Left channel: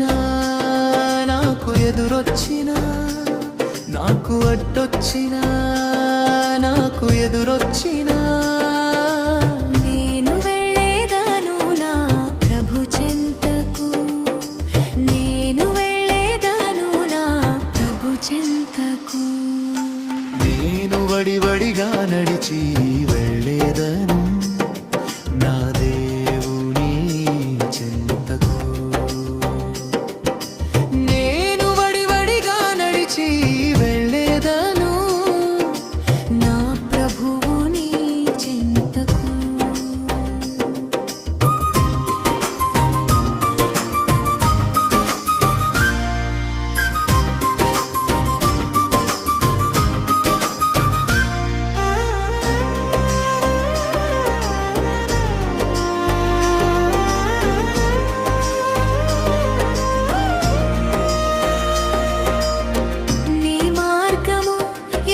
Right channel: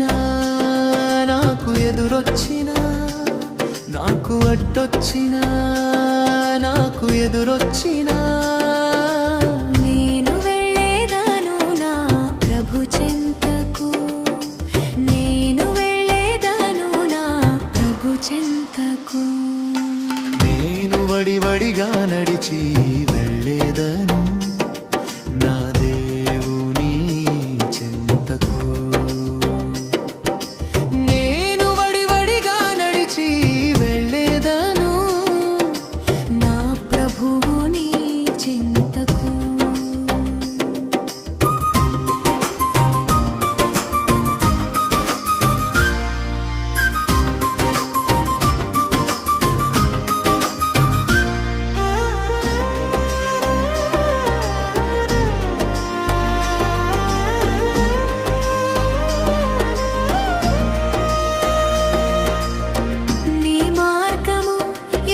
వచ్చినా నాకు ఎదురొచ్చినా నాకు అడ్డొచ్చినా నాకు ఎదురొచ్చినా నేను వెళ్ళేదాను నా ప్రభు చెంతకు, నేను వెళ్ళేదాను నా ప్రభు చెంతకు. నేను వడివడిగా నడిచి వెళ్ళేదను నా దేవుని చెంతకు. నేను వడివడిగా నడిచి వెళ్ళేదను నా ప్రభువుని చెంతకు.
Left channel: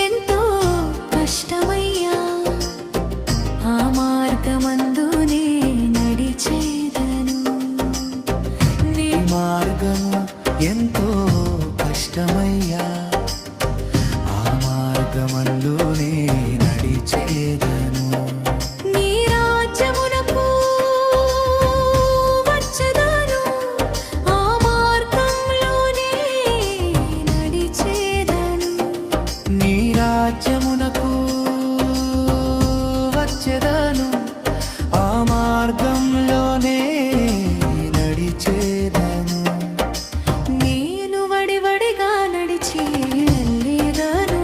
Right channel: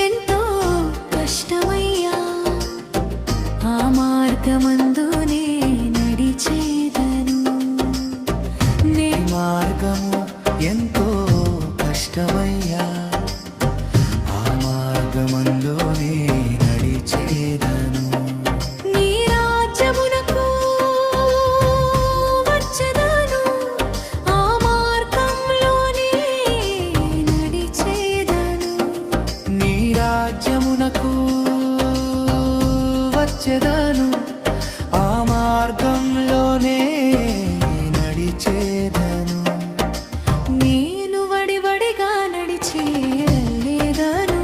ఎంతో కష్టమయ్యా, ఆ మార్గమందునే నడిచేదను. నీ మార్గము ఎంతో కష్టమయ్యా, ఆ మార్గమందునే నడిచేదను. నీ రాజ్యమునకు వచ్చేదను, ఆ మార్గంలోనే నడిచేదను. నీ రాజ్యమునకు వచ్చేదను, ఆ మార్గంలోనే నడిచేదను. నేను వడివడిగా నడిచి వెళ్ళేదను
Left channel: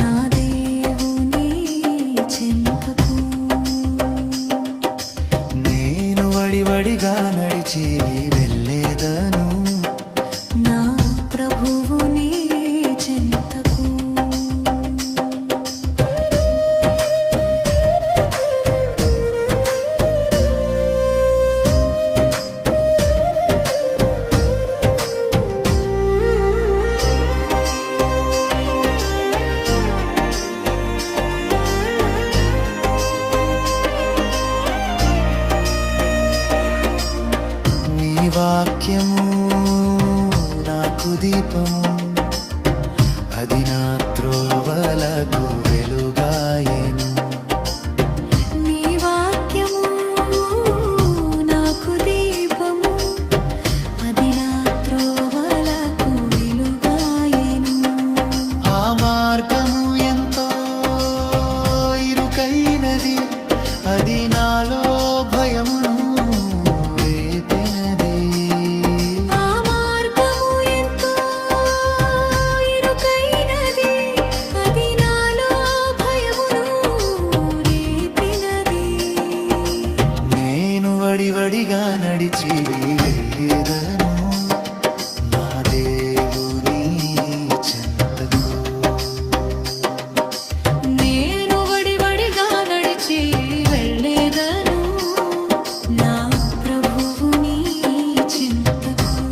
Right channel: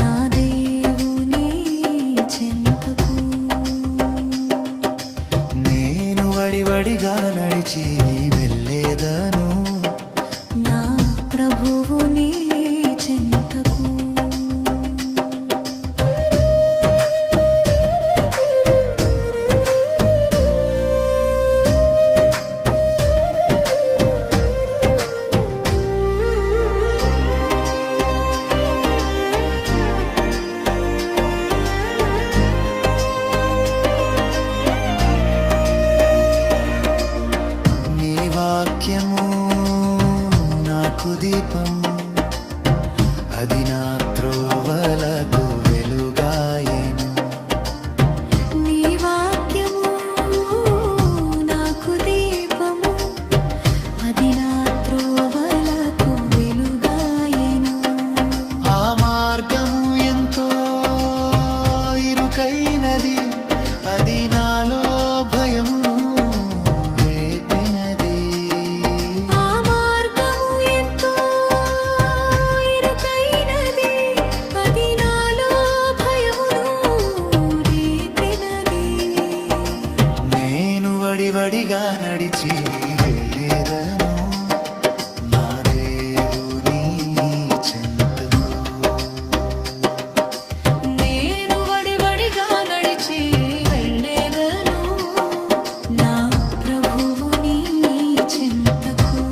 నా దేవుని చెంతకు. నేను వడివడిగా నడిచి వెళ్ళేదను నా ప్రభువుని చెంతకు. నీ వాక్యము నాకు దీపము, అది నా త్రోవలకు వెలుగాయెను. నీ వాక్యము నాకు దీపము, అది నా త్రోవలకు వెలుగాయెను. ఆ మార్గము ఎంతో ఇరుకైనది, అది నాలో భయమును రేపినది. ఆ మార్గము ఎంతో ఇరుకైనది, అది నాలో భయమును రేపినది. నేను వడివడిగా నడిచి వెళ్ళేదను నా దేవుని చెంతకు. నేను వడివడిగా నడిచి వెళ్ళేదను నా ప్రభువుని చెంతకు.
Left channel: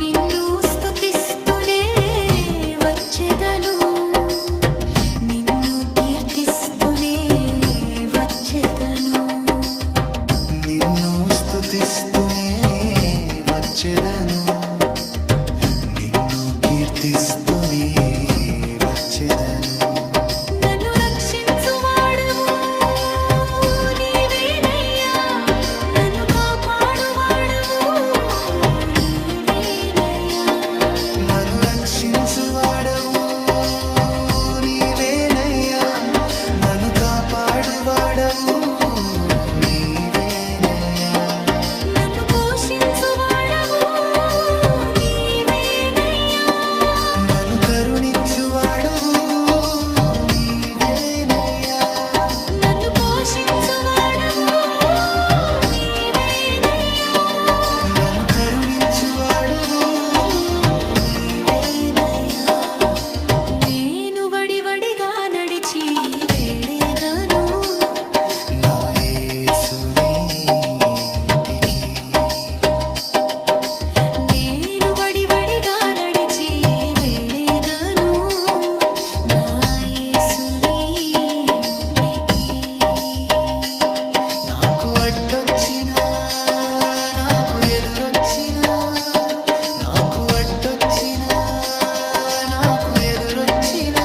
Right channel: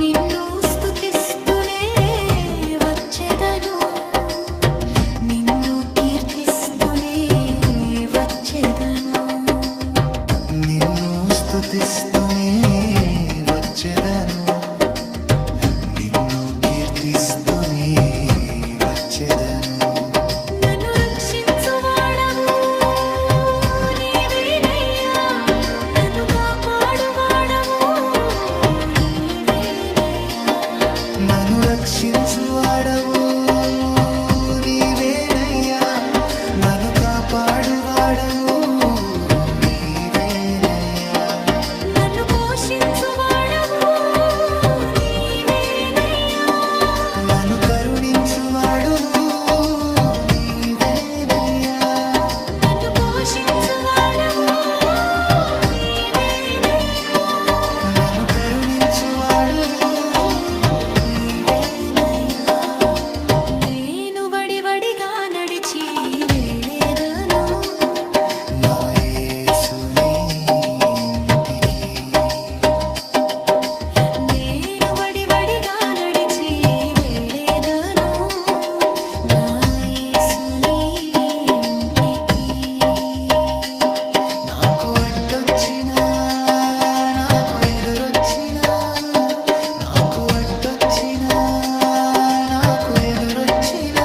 నిన్ను స్తుతిస్తూనే వచ్చేదను, నిన్ను కీర్తిస్తూనే వచ్చేదను. నిన్ను స్తుతిస్తూనే వచ్చేదను, నిన్ను కీర్తిస్తూనే వచ్చేదను. నన్ను రక్షించువాడవు నీవేనయ్యా, నన్ను కాపాడువాడవు నీవేనయ్యా. నన్ను రక్షించువాడవు నీవేనయ్యా, నన్ను కాపాడువాడవు నీవేనయ్యా. నన్ను పోషించువాడవు నీవేనయ్యా, నన్ను కరుణించువాడువు నీవేనయ్యా. నన్ను పోషించువాడవు నీవేనయ్యా, నన్ను కరుణించువాడువు నీవేనయ్యా. నేను వడివడిగా నడిచి నడిచి వెళ్ళేదను నా యేసుని ఇంటికి. నేను వడివడిగా నడిచి వెళ్ళేదను నా యేసుని ఇంటికి. నాకు అడ్డొచ్చినా నాకు ఎదురొచ్చినా, నాకు అడ్డొచ్చినా నాకు ఎదురొచ్చినా,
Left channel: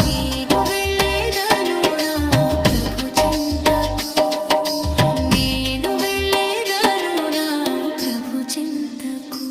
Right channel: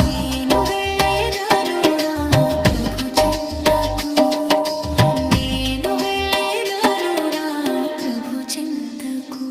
నేను వెళ్ళేదను నా ప్రభు చింతకు, నేను వెళ్ళేదను నా ప్రభు చింతకు.